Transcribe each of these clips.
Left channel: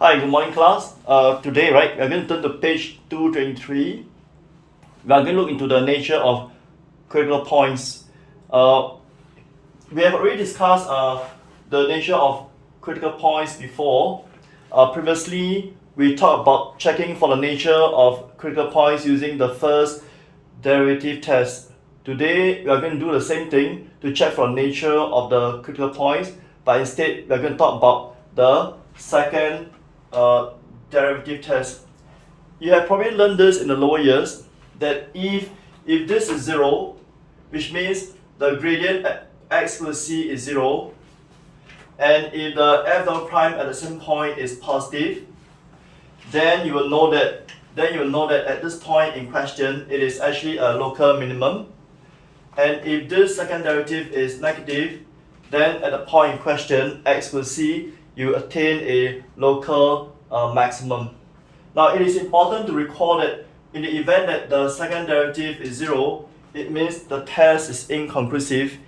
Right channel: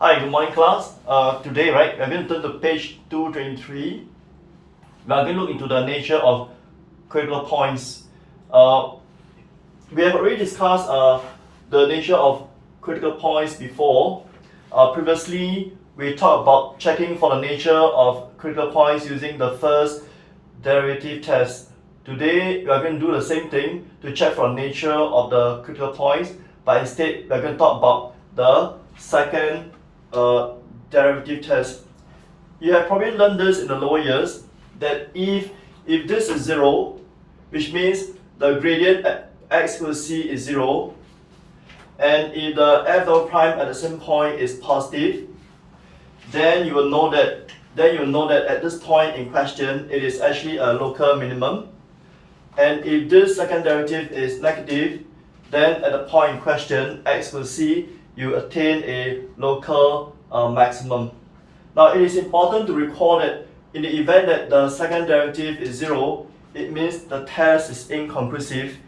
Hi, good morning class. Today, right, we're going to turn to page 223. We are going to look into the nature of critical points. We have already discussed the nature of critical points before. Previously, we talked about checking for the nature of critical points using the first derivative test. Today, we are going to do the same thing to check for the nature of the critical points, but instead, we are going to talk about the second derivative test. You have probably learned this in the lower years that if this is 0, which means the gradient at x equals c is 0, and if the f dot prime at the same point is positive, then you will know that at this point in question it is actually a local minimum. And if this second derivative is negative, then at the point in question x equals c, you attain a local maximum. Now it is important to recall that in the event that the second derivative is 0, it means the test is inconclusive,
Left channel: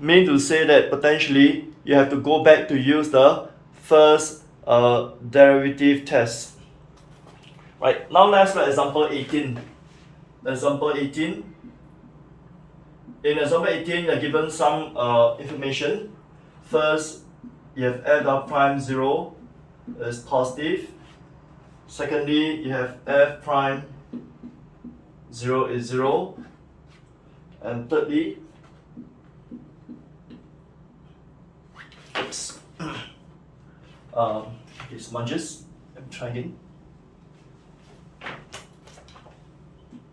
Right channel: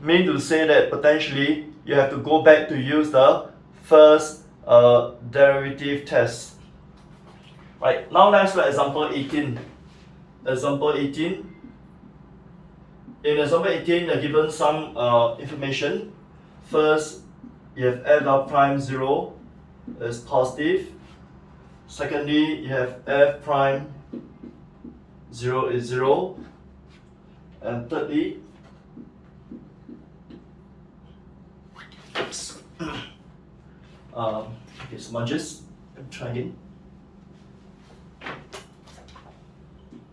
meaning to say that potentially you have to go back to use the first derivative test. Right, now let's look at example 18. Example 18. In example 18, you are given some information. First, you have f dot prime 0 is positive. Secondly, you have f prime 0 is 0. And thirdly, oops, it smudges. Let me try again.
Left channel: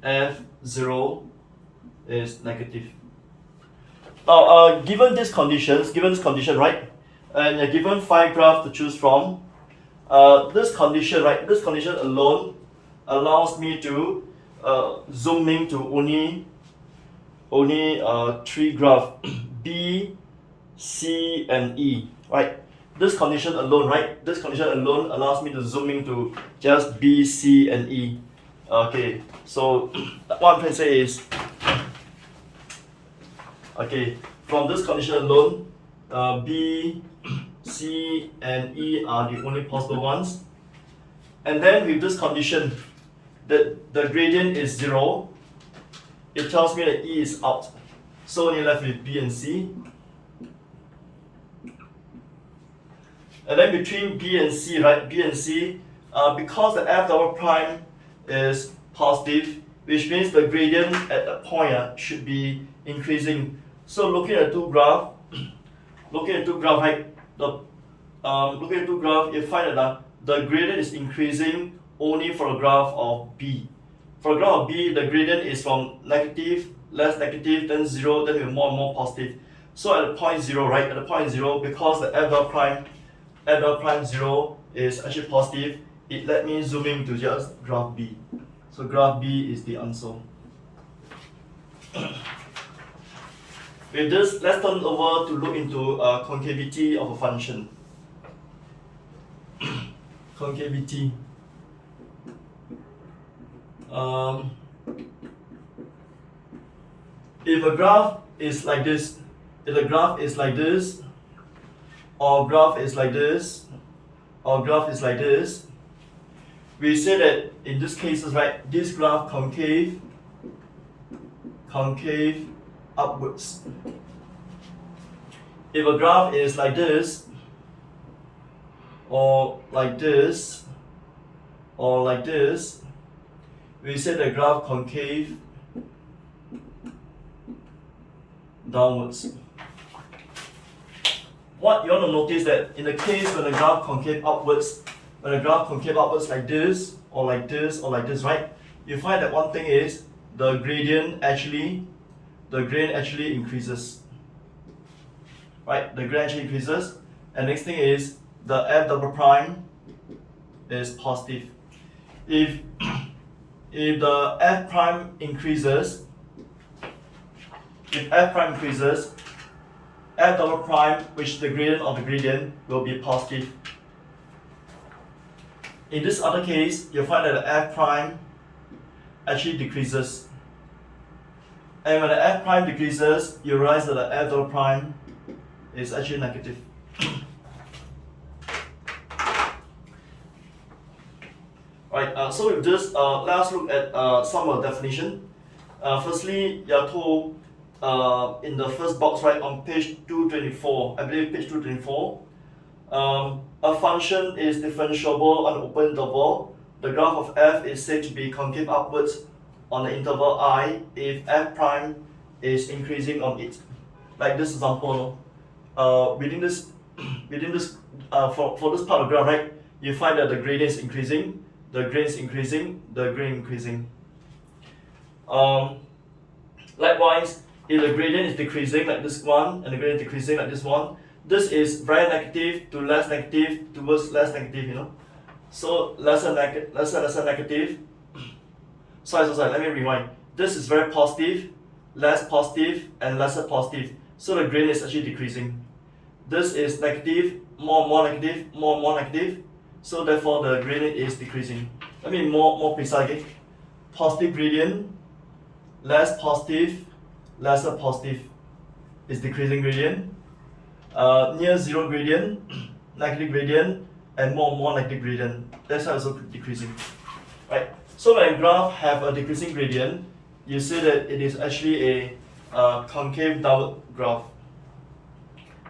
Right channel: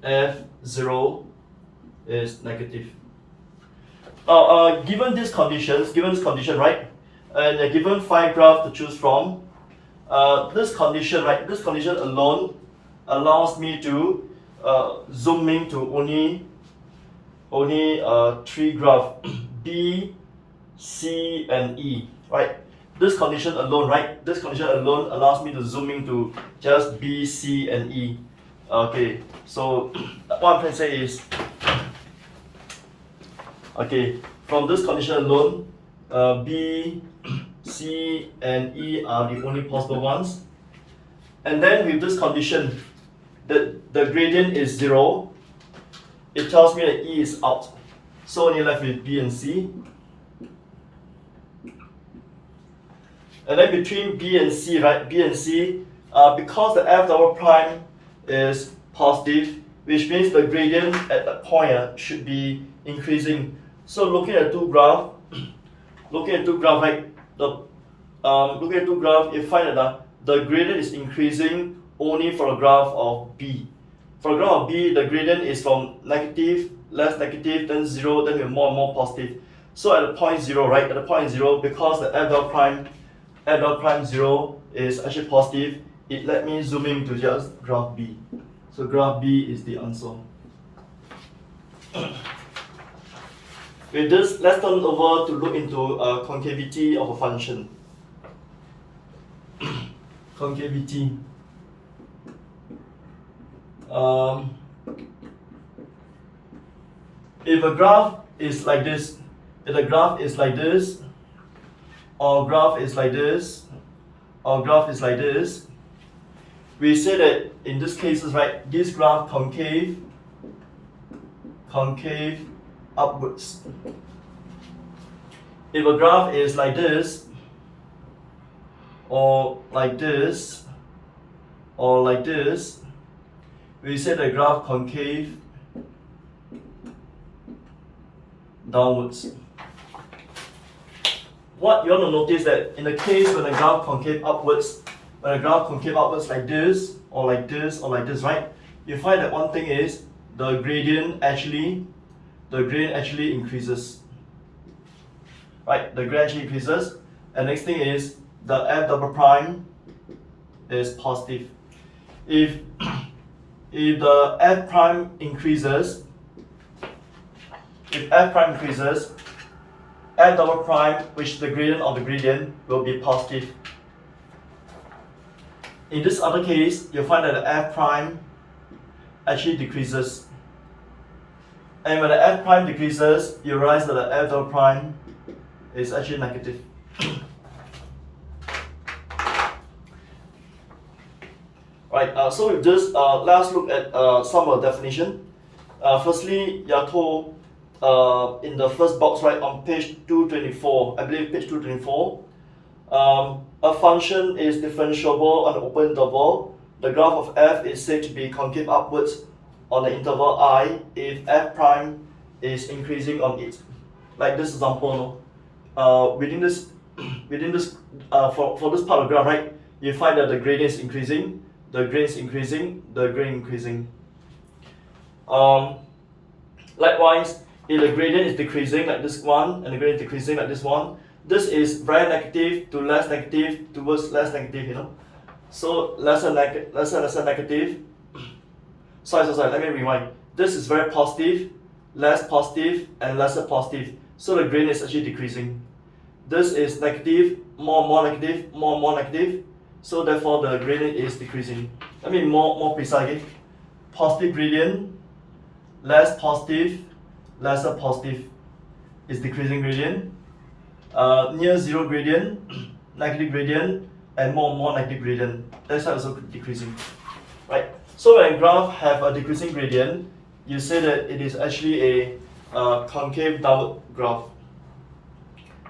F0 is negative. Now, given this condition, right, and you're given 5 graphs to choose from, this condition alone allows me to zoom in to only 3 graphs, B, C, and E, right? This condition alone allows me to zoom in to just B, C, and E. Okay, so what I'm trying to say is, okay, from this condition alone, B, C, and E are the only possible ones. And then with this condition, that the gradient is 0, it tells me that E is out. So you're left with B and C. And then between B and C, right, because the f double prime is positive, which means the gradient at that point should be increasing. So looking at two graph, right, you find that the gradient is increasing only for the graph of B. For the graph of B, the gradient is from negative, less negative, then 0, then more and more positive. So at the point 0, right, because the f dot prime 0 is actually positive, it let me zoom in to just graph B. So graph B is the answer. With this, let's turn over to look into concavity of a function. Concavity. If a graph is like this, or graph is like this, we say that in this cases, right, this graph concave upwards. If a graph is like this, or like this, or like this, we say the graph concave downwards. What you want to notice that in the case when the graph concave upwards, like this, or like this, or like this, right, you find that one thing is the gradient actually increases. Right, the gradient actually increases. And next thing is the f double prime is positive. If the f prime increases, f double prime, which is the gradient of the gradient, will be positive. In this other case, you'll find that the f prime actually decreases. And when the f prime decreases, you realize that the f double prime is actually negative. Right. So with this, let's look at some of the definition. Firstly, you are told in the first box, right, on page 224, I believe page 224, a function is differentiable on an open interval. The graph of f is said to be concave upwards on the interval I if f prime is increasing on it. Like this example, no? Within this, for this part of the graph, right, you find that the gradient is increasing, the gradient is increasing, the gradient increasing. Likewise, if the gradient is decreasing like this one and the gradient is decreasing like this one, this is very negative to less negative towards less negative, you know. So lesser negative. Sorry, let me rewind. This is very positive, less positive, and lesser positive. So the gradient is actually decreasing. This is negative, more negative, more negative. So therefore the gradient is decreasing. Let me be more precise. Okay? Positive gradient, less positive, lesser positive is decreasing gradient. Near zero gradient, negative gradient, and more negative gradient. That's also decreasing, right? So when a graph have a decreasing gradient, you say that it is actually a concave downward graph.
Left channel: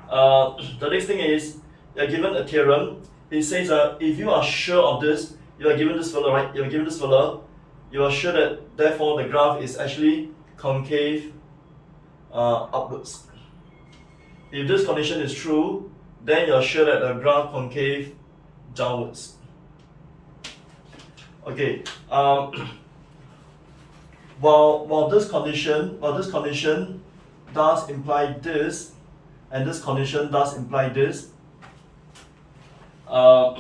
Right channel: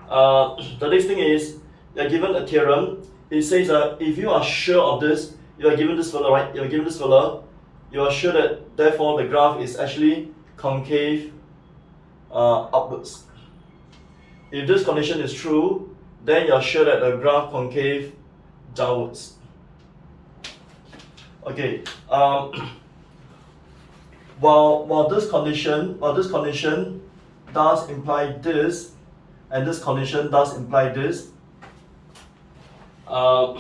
The next thing is, you are given a theorem. It says that if you are sure of this, you are given this fella, right? You are given this fella. You are sure that therefore the graph is actually concave upwards. If this condition is true, then you are sure that the graph concave downwards. Okay. While this condition does imply this, and this condition does imply this, the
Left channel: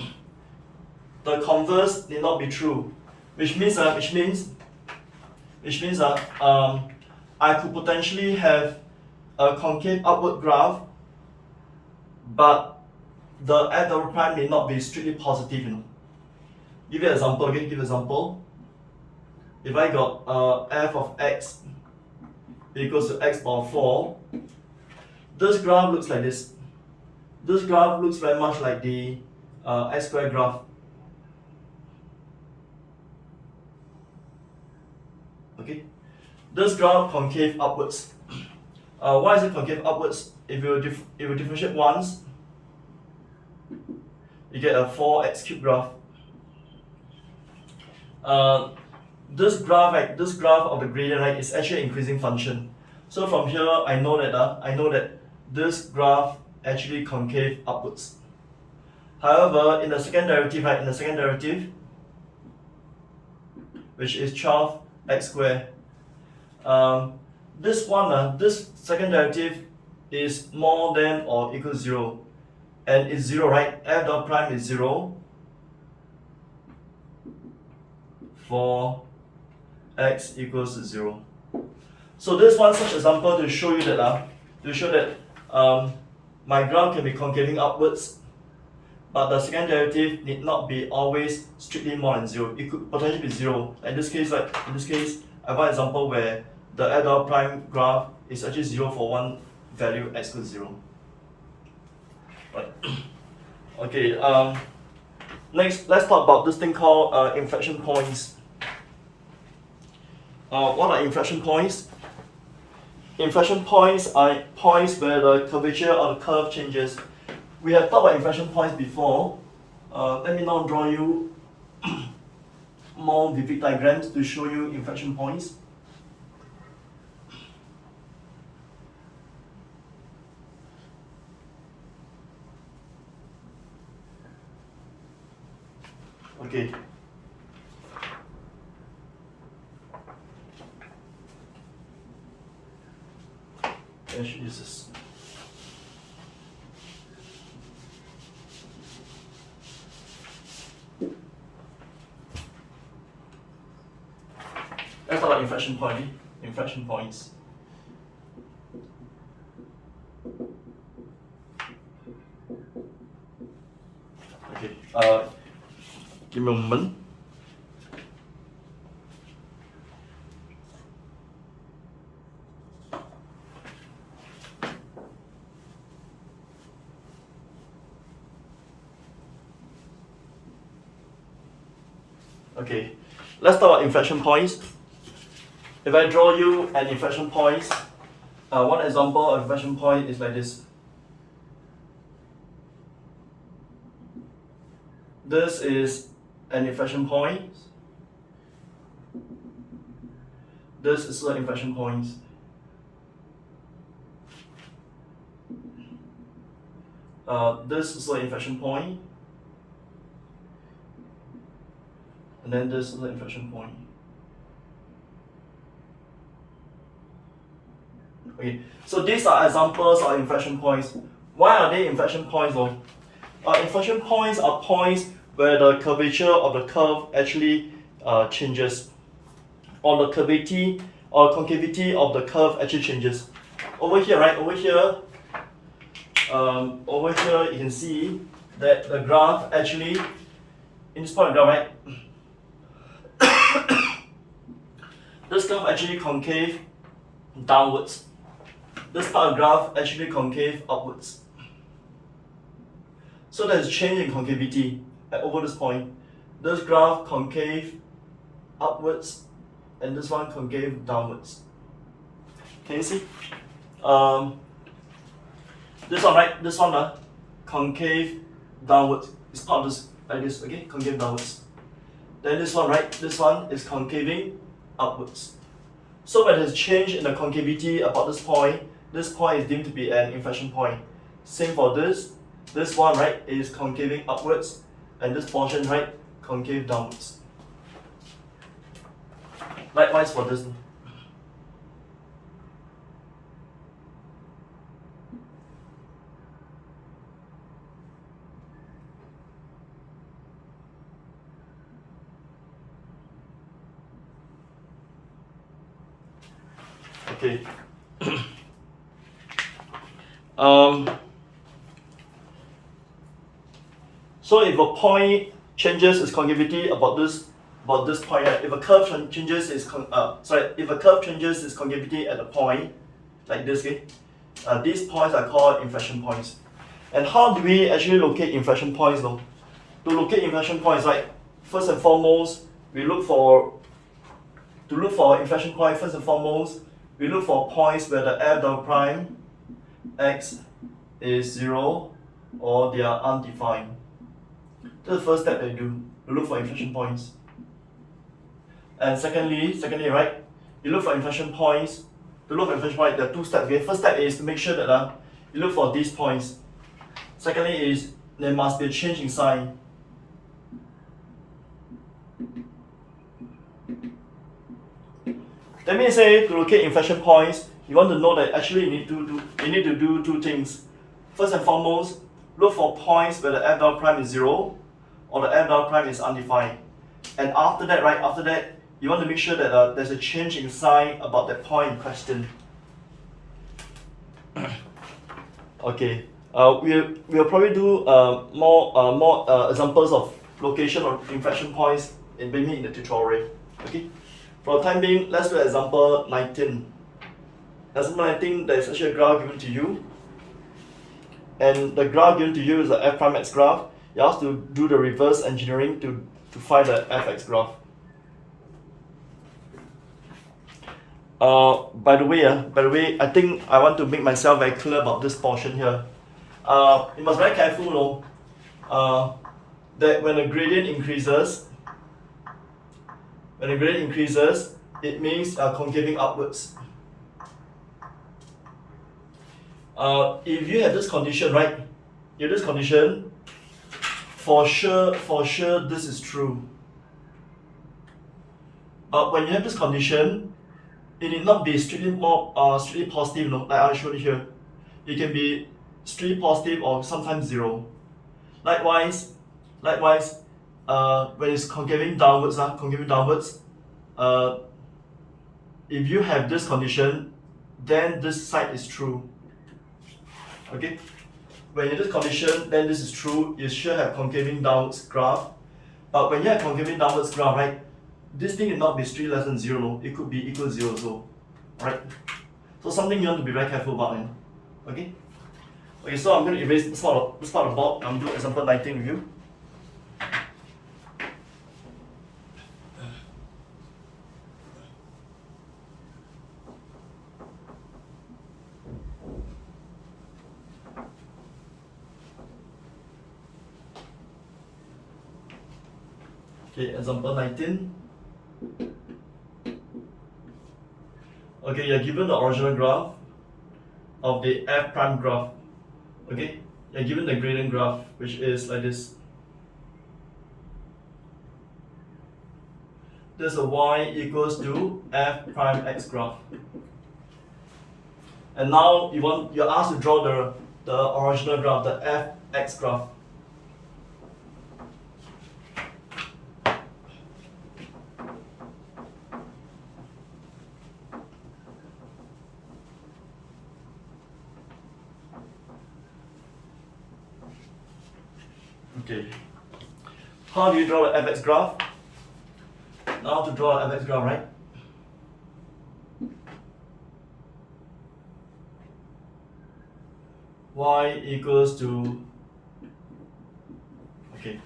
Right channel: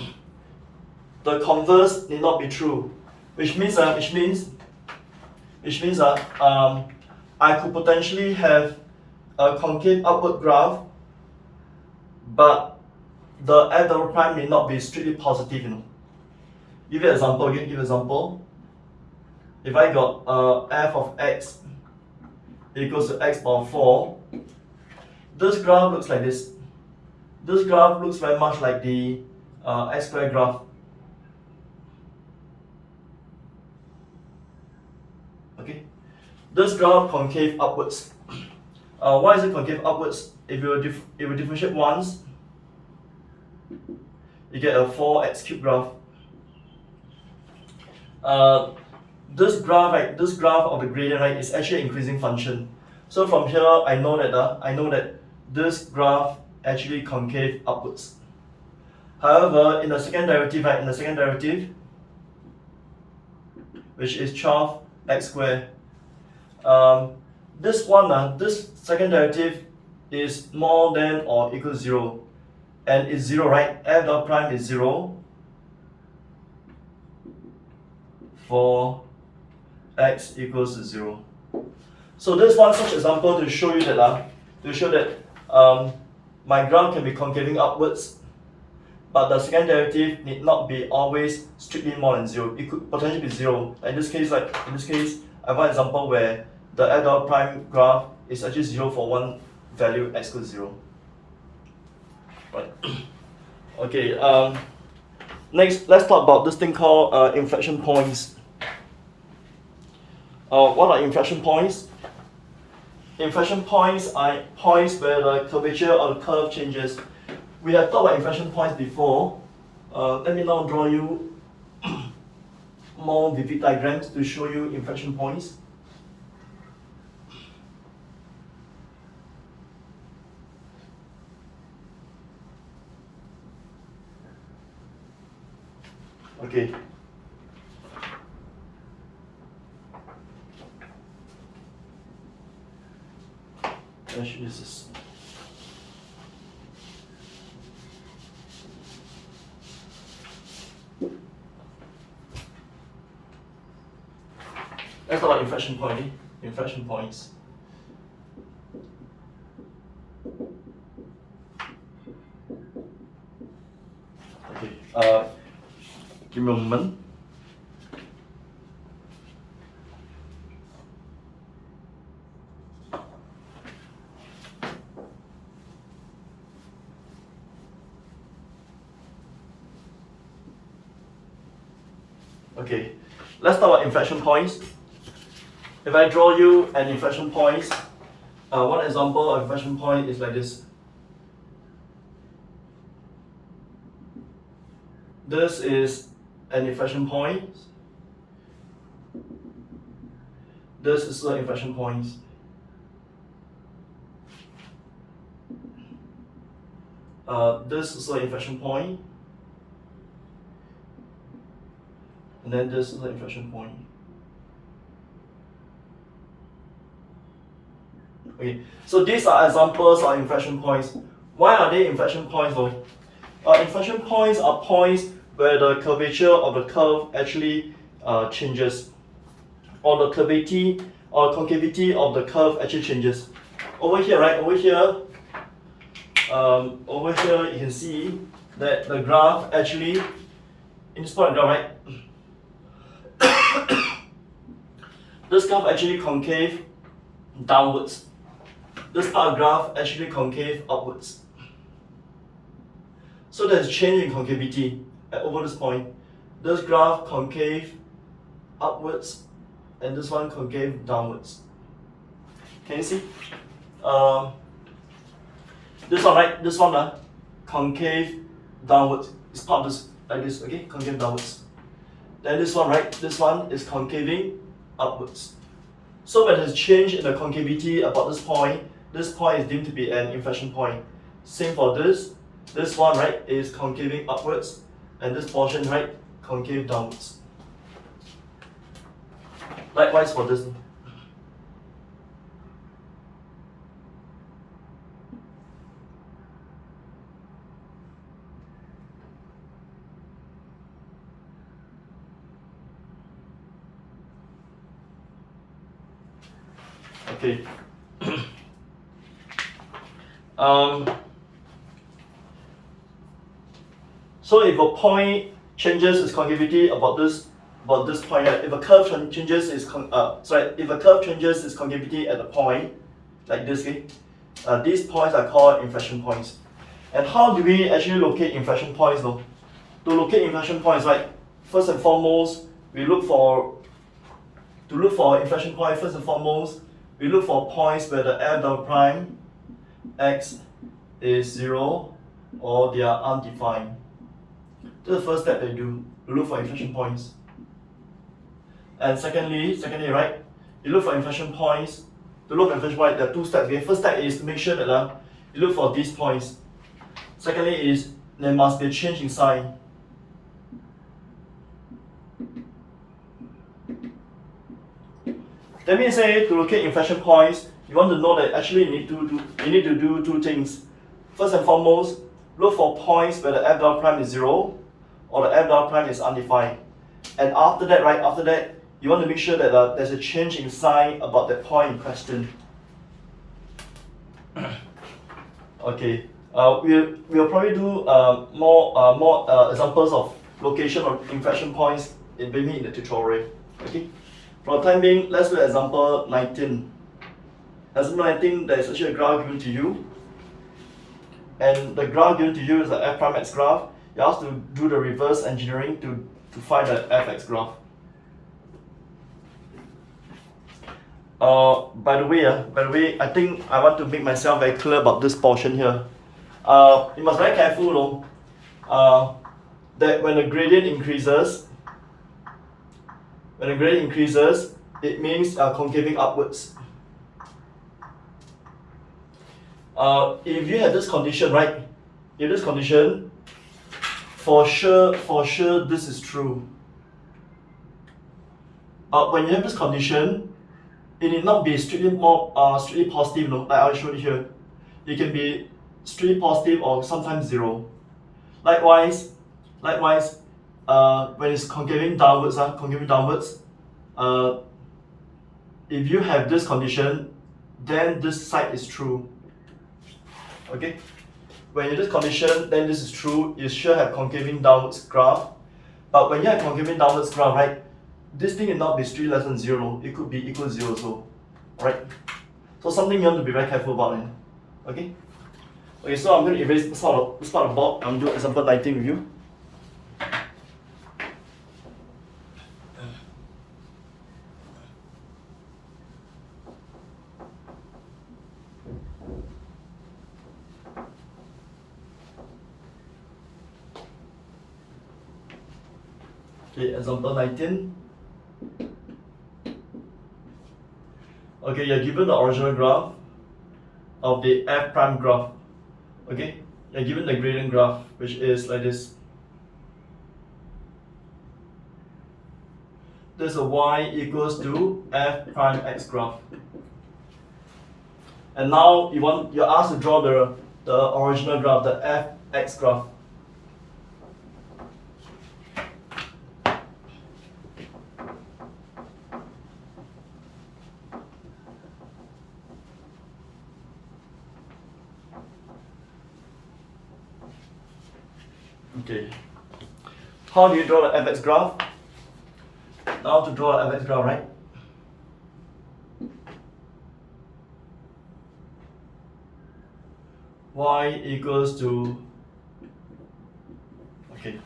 converse need not be true, which means I could potentially have a concave upward graph, but the f double prime may not be strictly positive, you know. Give you an example again. Give you an example. If I got f of x equals to x power 4, this graph looks like this. This graph looks very much like the x squared graph. Okay, this graph concave upwards. Why is it concave upwards? If you differentiate once, you get a 4x cubed graph. This graph, this graph of the gradient, right, is actually an increasing function. So from here, I know that this graph actually concave upwards. However, in the second derivative, right, which is 12x squared, this second derivative is more than or equal to 0, and it's 0, right? F dot prime is 0 for x equals to 0. So this one such example to show you that my graph can be concaving upwards, but the second derivative need not be always strictly more than 0. It could potentially be 0. In this case, I have an example where the f dot prime graph is actually 0 for one value x equals 0. Right. Okay. Next, let's talk about this thing called inflection points. What are inflection points? Inflection points are points where the curvature of the curve changes. We have talked about inflection points before. Let me now draw you more vivid diagrams to show you inflection points. Okay. I should use this. Let's talk about inflection points. Okay. Give me a moment. Okay, let's talk about inflection points. If I draw you an inflection point, one example of inflection point is like this. This is an inflection point. This is an inflection point. This is an inflection point. And then this is the inflection point. Okay, so these are examples of inflection points. Why are they inflection points though? Inflection points are points where the curvature of the curve actually changes, or the curvature or concavity of the curve actually changes. Over here, right? Over here you can see that the graph actually, in this point of graph, right? This graph actually concave downwards. This part of graph actually concave upwards. So there's a change in concavity over this point. This graph concave upwards, and this one concave downwards. Can you see? This one, right? This one, concave downwards. It's part of this, like this, okay? Concave downwards. Then this one, right? This one is concaving upwards. So when there's change in the concavity about this point is deemed to be an inflection point. Same for this. This one, right, is concaving upwards, and this portion, right, concave downwards. Likewise for this. Okay. So if a point changes its concavity about this point, if a curve changes its concavity at a point like this, okay, these points are called inflection points. And how do we actually locate inflection points though? To locate inflection points, right, first and foremost, we look for inflection point. First and foremost, we look for points where the f double prime x is 0 or they are undefined. That's the first step that you do. You look for inflection points. And secondly, right, you look for inflection points. To look for inflection point, there are two steps. Okay, first step is to make sure that you look for these points. Secondly is there must be a change in sign. That means to locate inflection points, you want to know that actually you need to do two things. First and foremost, look for points where the f double prime is 0 or the f double prime is undefined. And after that, right, you want to make sure that there's a change in sign about the point in question. Okay, we'll probably do more examples of location of inflection points in the tutorial. Okay. For the time being, let's do example 19. Example 19, there's actually a graph given to you. And the graph given to you is the f prime x graph. You have to do the reverse engineering to find the fx graph. By the way, I think I want to make myself very clear about this portion here. You must be very careful, that when the gradient increases, it means concaving upwards. If you have this condition, right? If this condition, for sure, this is true. When you have this condition, it need not be strictly positive, like I showed you here. It can be strictly positive or sometimes 0. Likewise, when it's concaving downwards, if you have this condition, then this side is true. Okay, when you have this condition, then this is true. You should have concaving downwards graph. But when you have concaving downwards graph, right, this thing will not be strictly less than 0. It could be equal to 0 also, right? So something you want to be very careful about. Okay. Okay, so I'm going to erase this part of the board. I'm going to do example 19 with you. Okay, example 19. Okay, you're given the original graph of the f prime graph. Okay, you're given the gradient graph, which is like this. There's a y equals to f prime x graph. And now you're asked to draw the original graph, the fx graph. Okay. How do you draw the fx graph? Now to draw the fx graph, right? Y equals to, okay.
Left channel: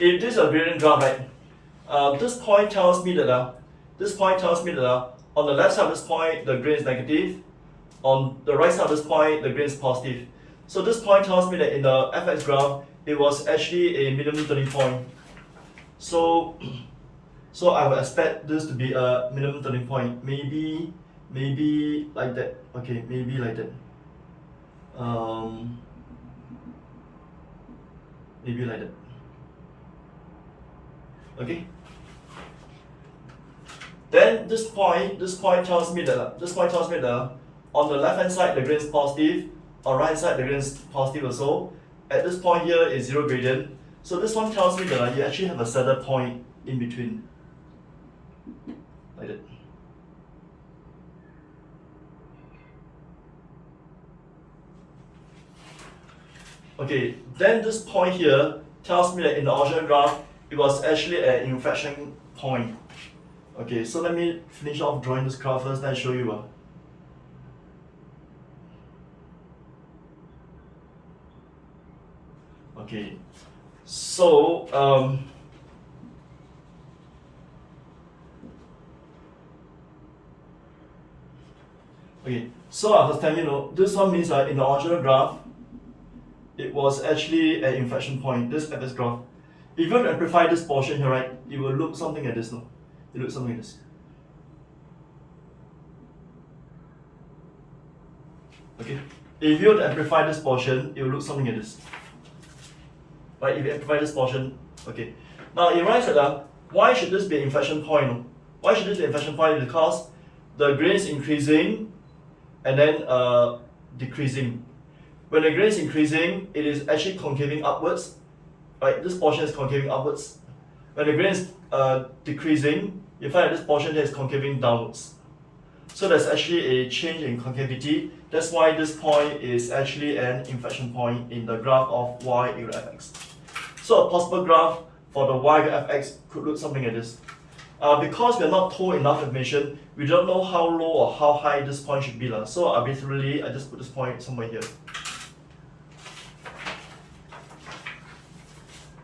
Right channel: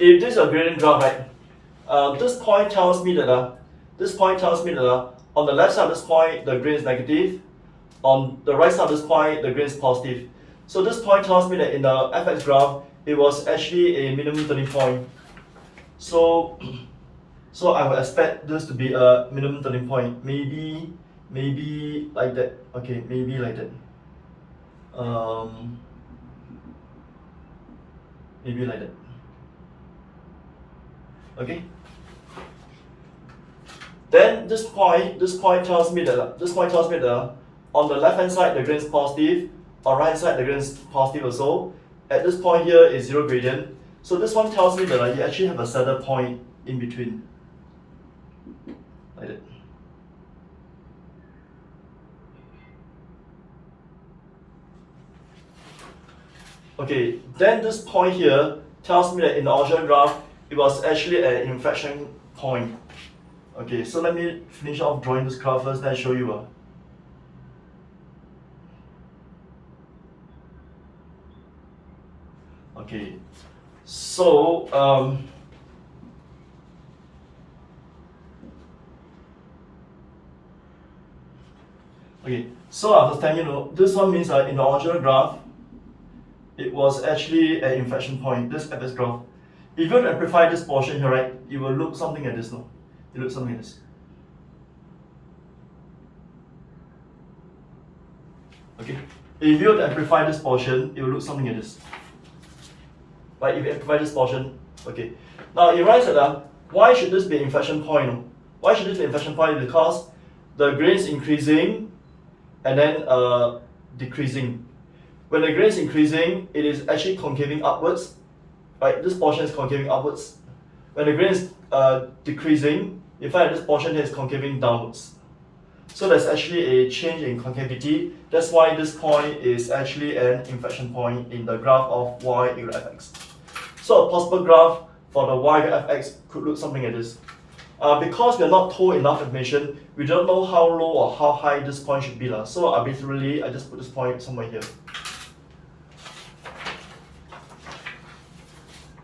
If this is a gradient graph, right? This point tells me that on the left side of this point the gradient is negative, on the right side of this point the gradient is positive. So this point tells me that in the fx graph it was actually a minimum turning point. So I would expect this to be a minimum turning point. Maybe like that. Okay, maybe like that. Maybe like that. Okay. Then this point tells me that on the left hand side the gradient is positive, on right hand side the gradient is positive also. At this point here is zero gradient. So this one tells me that you actually have a saddle point in between. Like that. Okay, then this point here tells me that in the original graph it was actually an inflection point. Okay, so let me finish off drawing this graph first, then I show you. Okay, so okay, so I was telling you, this one means in the original graph it was actually an inflection point, this fx graph. If you amplify this portion here, right, it will look something like this, no? It looks something like this. Okay, if you amplify this portion, it will look something like this. Right, if you amplify this portion, okay. Now it writes that why should this be an inflection point? No? Why should this be an inflection point? Because the gradient is increasing and then decreasing. When the gradient is increasing, it is actually concaving upwards. Right, this portion is concaving upwards. When the gradient is decreasing, you find that this portion here is concaving downwards. So there's actually a change in concavity. That's why this point is actually an inflection point in the graph of y equal to fx. So a possible graph for the y equal to fx could look something like this. Because we are not told enough information, we don't know how low or how high this point should be. So arbitrarily, I just put this point somewhere here.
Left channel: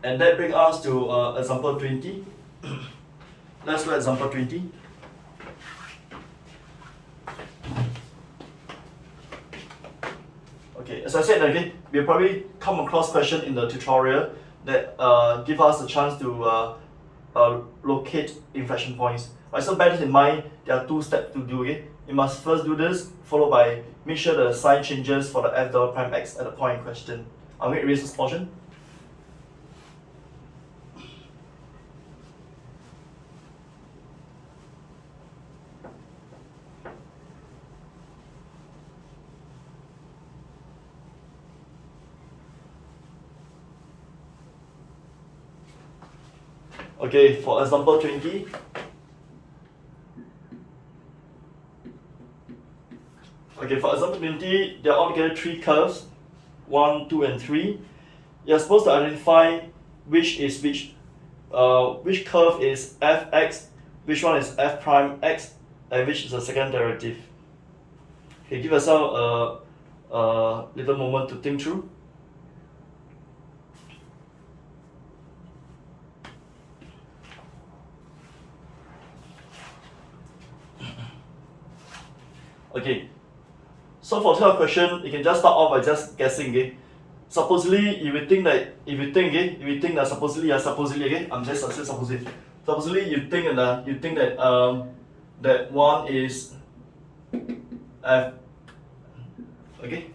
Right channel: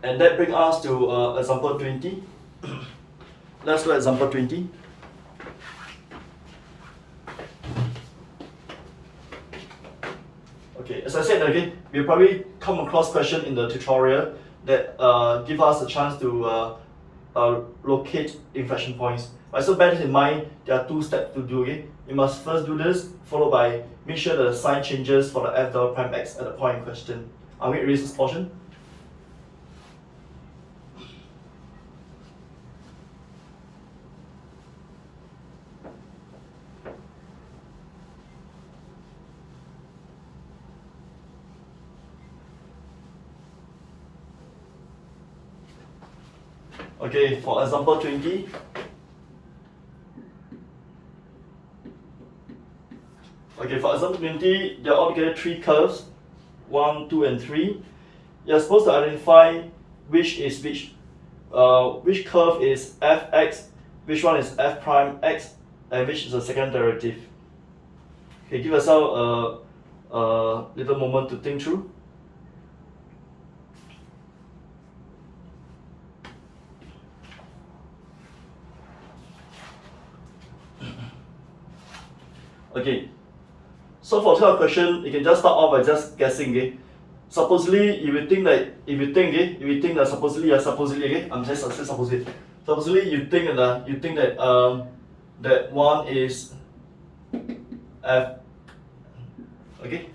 And that brings us to example 20. Let's go to example 20. Okay, as I said again, we'll probably come across questions in the tutorial that give us a chance to locate inflection points. Right, so bear this in mind, there are two steps to do. Okay, you must first do this, followed by make sure the sign changes for the f double prime x at the point in question. I'm going to erase this portion. Okay, for example 20. Okay, for example 20, there are altogether 3 curves, 1, 2, and 3. You're supposed to identify which is which. Which curve is fx, which one is f prime x, and which is the second derivative. Okay, give yourself a little moment to think through. Okay, so for this question, you can just start off by just guessing. Okay, supposedly if you think that supposedly okay, I'm just saying supposedly you think that that one is f, okay.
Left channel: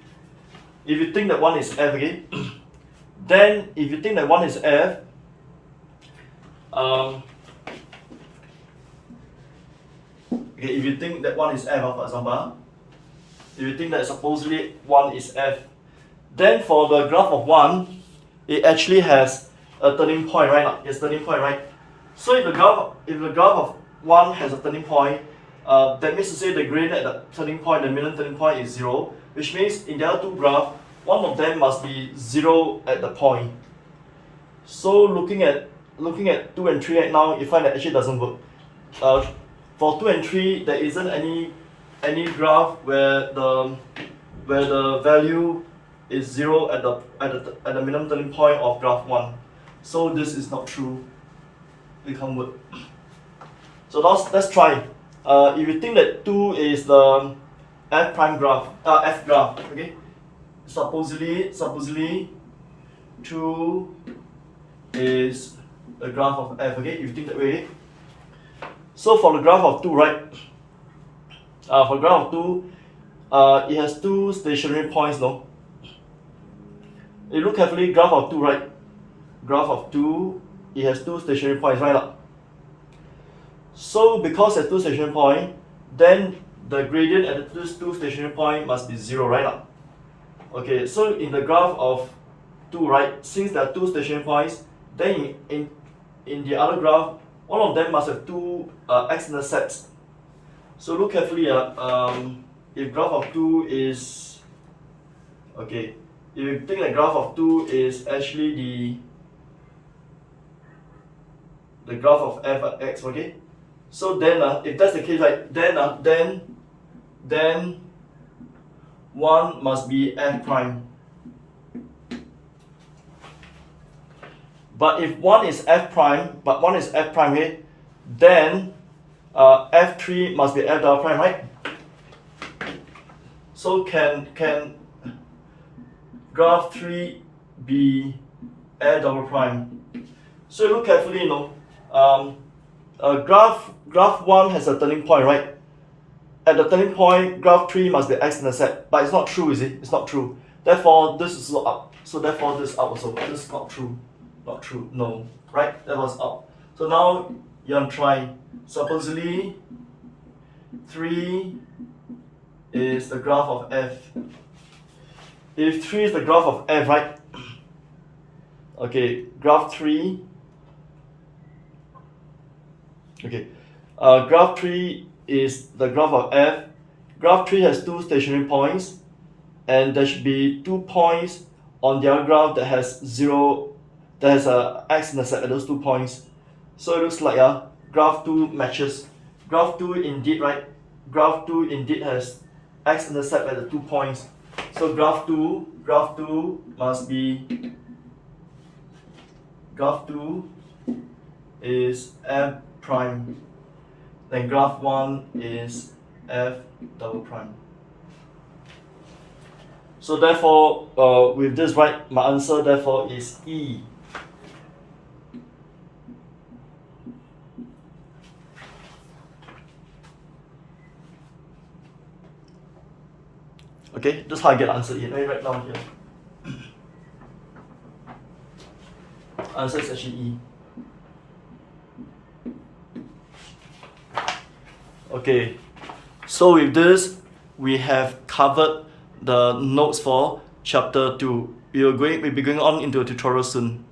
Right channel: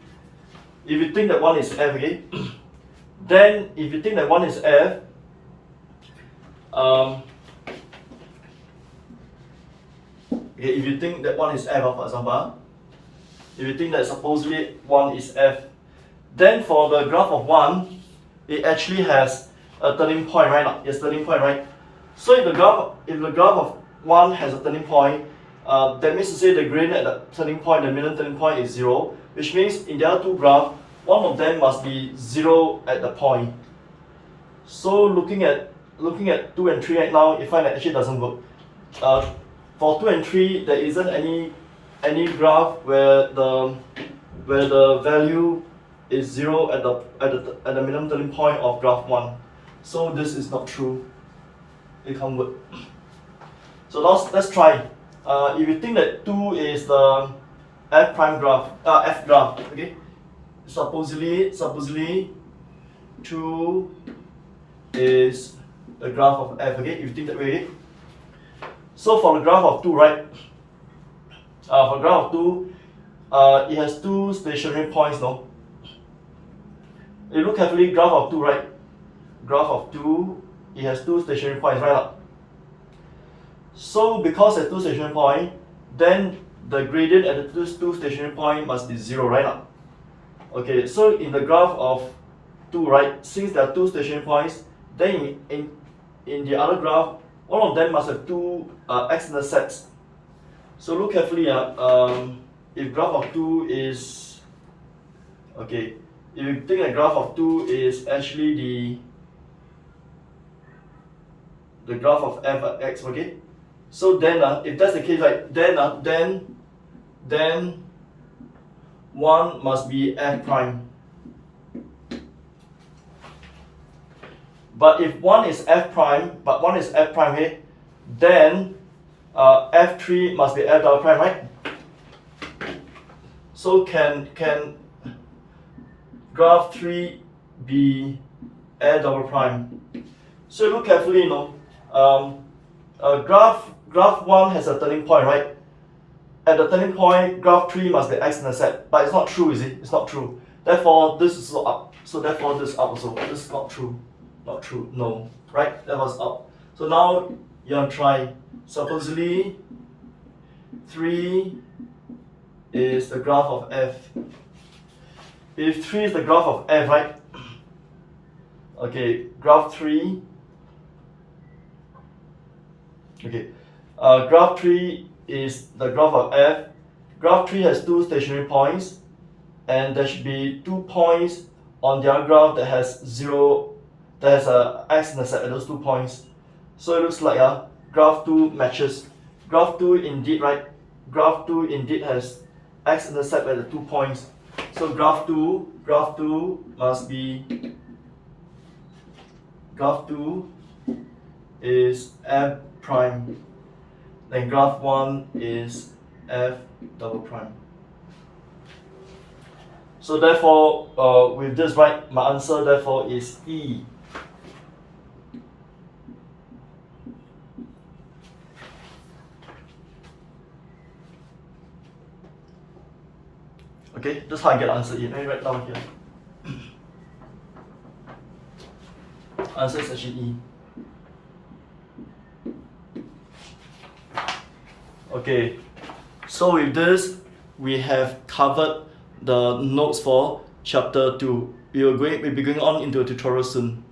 If you think that one is f, okay, then if you think that one is f, okay, if you think that one is f, for example, if you think that supposedly one is f, then for the graph of 1, it actually has a turning point, right? It's turning point, right? So if the graph of 1 has a turning point, that means to say the gradient at the turning point, the minimum turning point is 0, which means in the other two graphs, one of them must be 0 at the point. So looking at 2 and 3 right now, you find that actually doesn't work. For 2 and 3, there isn't any graph where the value is 0 at the minimum turning point of graph 1. So this is not true. It can't work. So let's try. If you think that 2 is the f prime graph, f graph, okay? Supposedly 2 is the graph of f, okay? If you think that way, okay? So for the graph of 2, right? For graph of 2, it has 2 stationary points, no? You look carefully, graph of 2, right? Graph of 2, it has 2 stationary points, right? So because it has 2 stationary points, then the gradient at the 2 stationary points must be 0, right? Okay, so in the graph of 2, right, since there are 2 stationary points, then in the other graph, one of them must have 2 x-intercepts. So look carefully, if graph of 2 is, okay, if you think that graph of 2 is actually the graph of f at x, okay, so then if that's the case, right, then 1 must be f prime. But if 1 is f prime, okay, then f3 must be f double prime, right? So can graph 3 be f double prime? So look carefully, you know. Graph 1 has a turning point, right? At the turning point, graph 3 must be x-intercept, but it's not true, is it? It's not true. Therefore, this is not up. So therefore, this is up also. This is not true. Not true. No. Right? That was up. So now you want to try. Supposedly 3 is the graph of f. If 3 is the graph of f, right? Okay, graph 3. Okay, graph 3 is the graph of f. Graph 3 has 2 stationary points, and there should be 2 points on the other graph that has 0, that has a x-intercept at those 2 points. So it looks like graph 2 matches. Graph 2 indeed, right? Graph 2 indeed has x-intercept at the 2 points. So graph 2 must be, graph 2 is f prime. Then graph 1 is f double prime. So therefore, with this, right, my answer therefore is E. Okay, that's how I get answer E. Let me write down here. Answer is actually E. Okay, so with this, we have covered the notes for chapter 2. We'll be going on into a tutorial soon.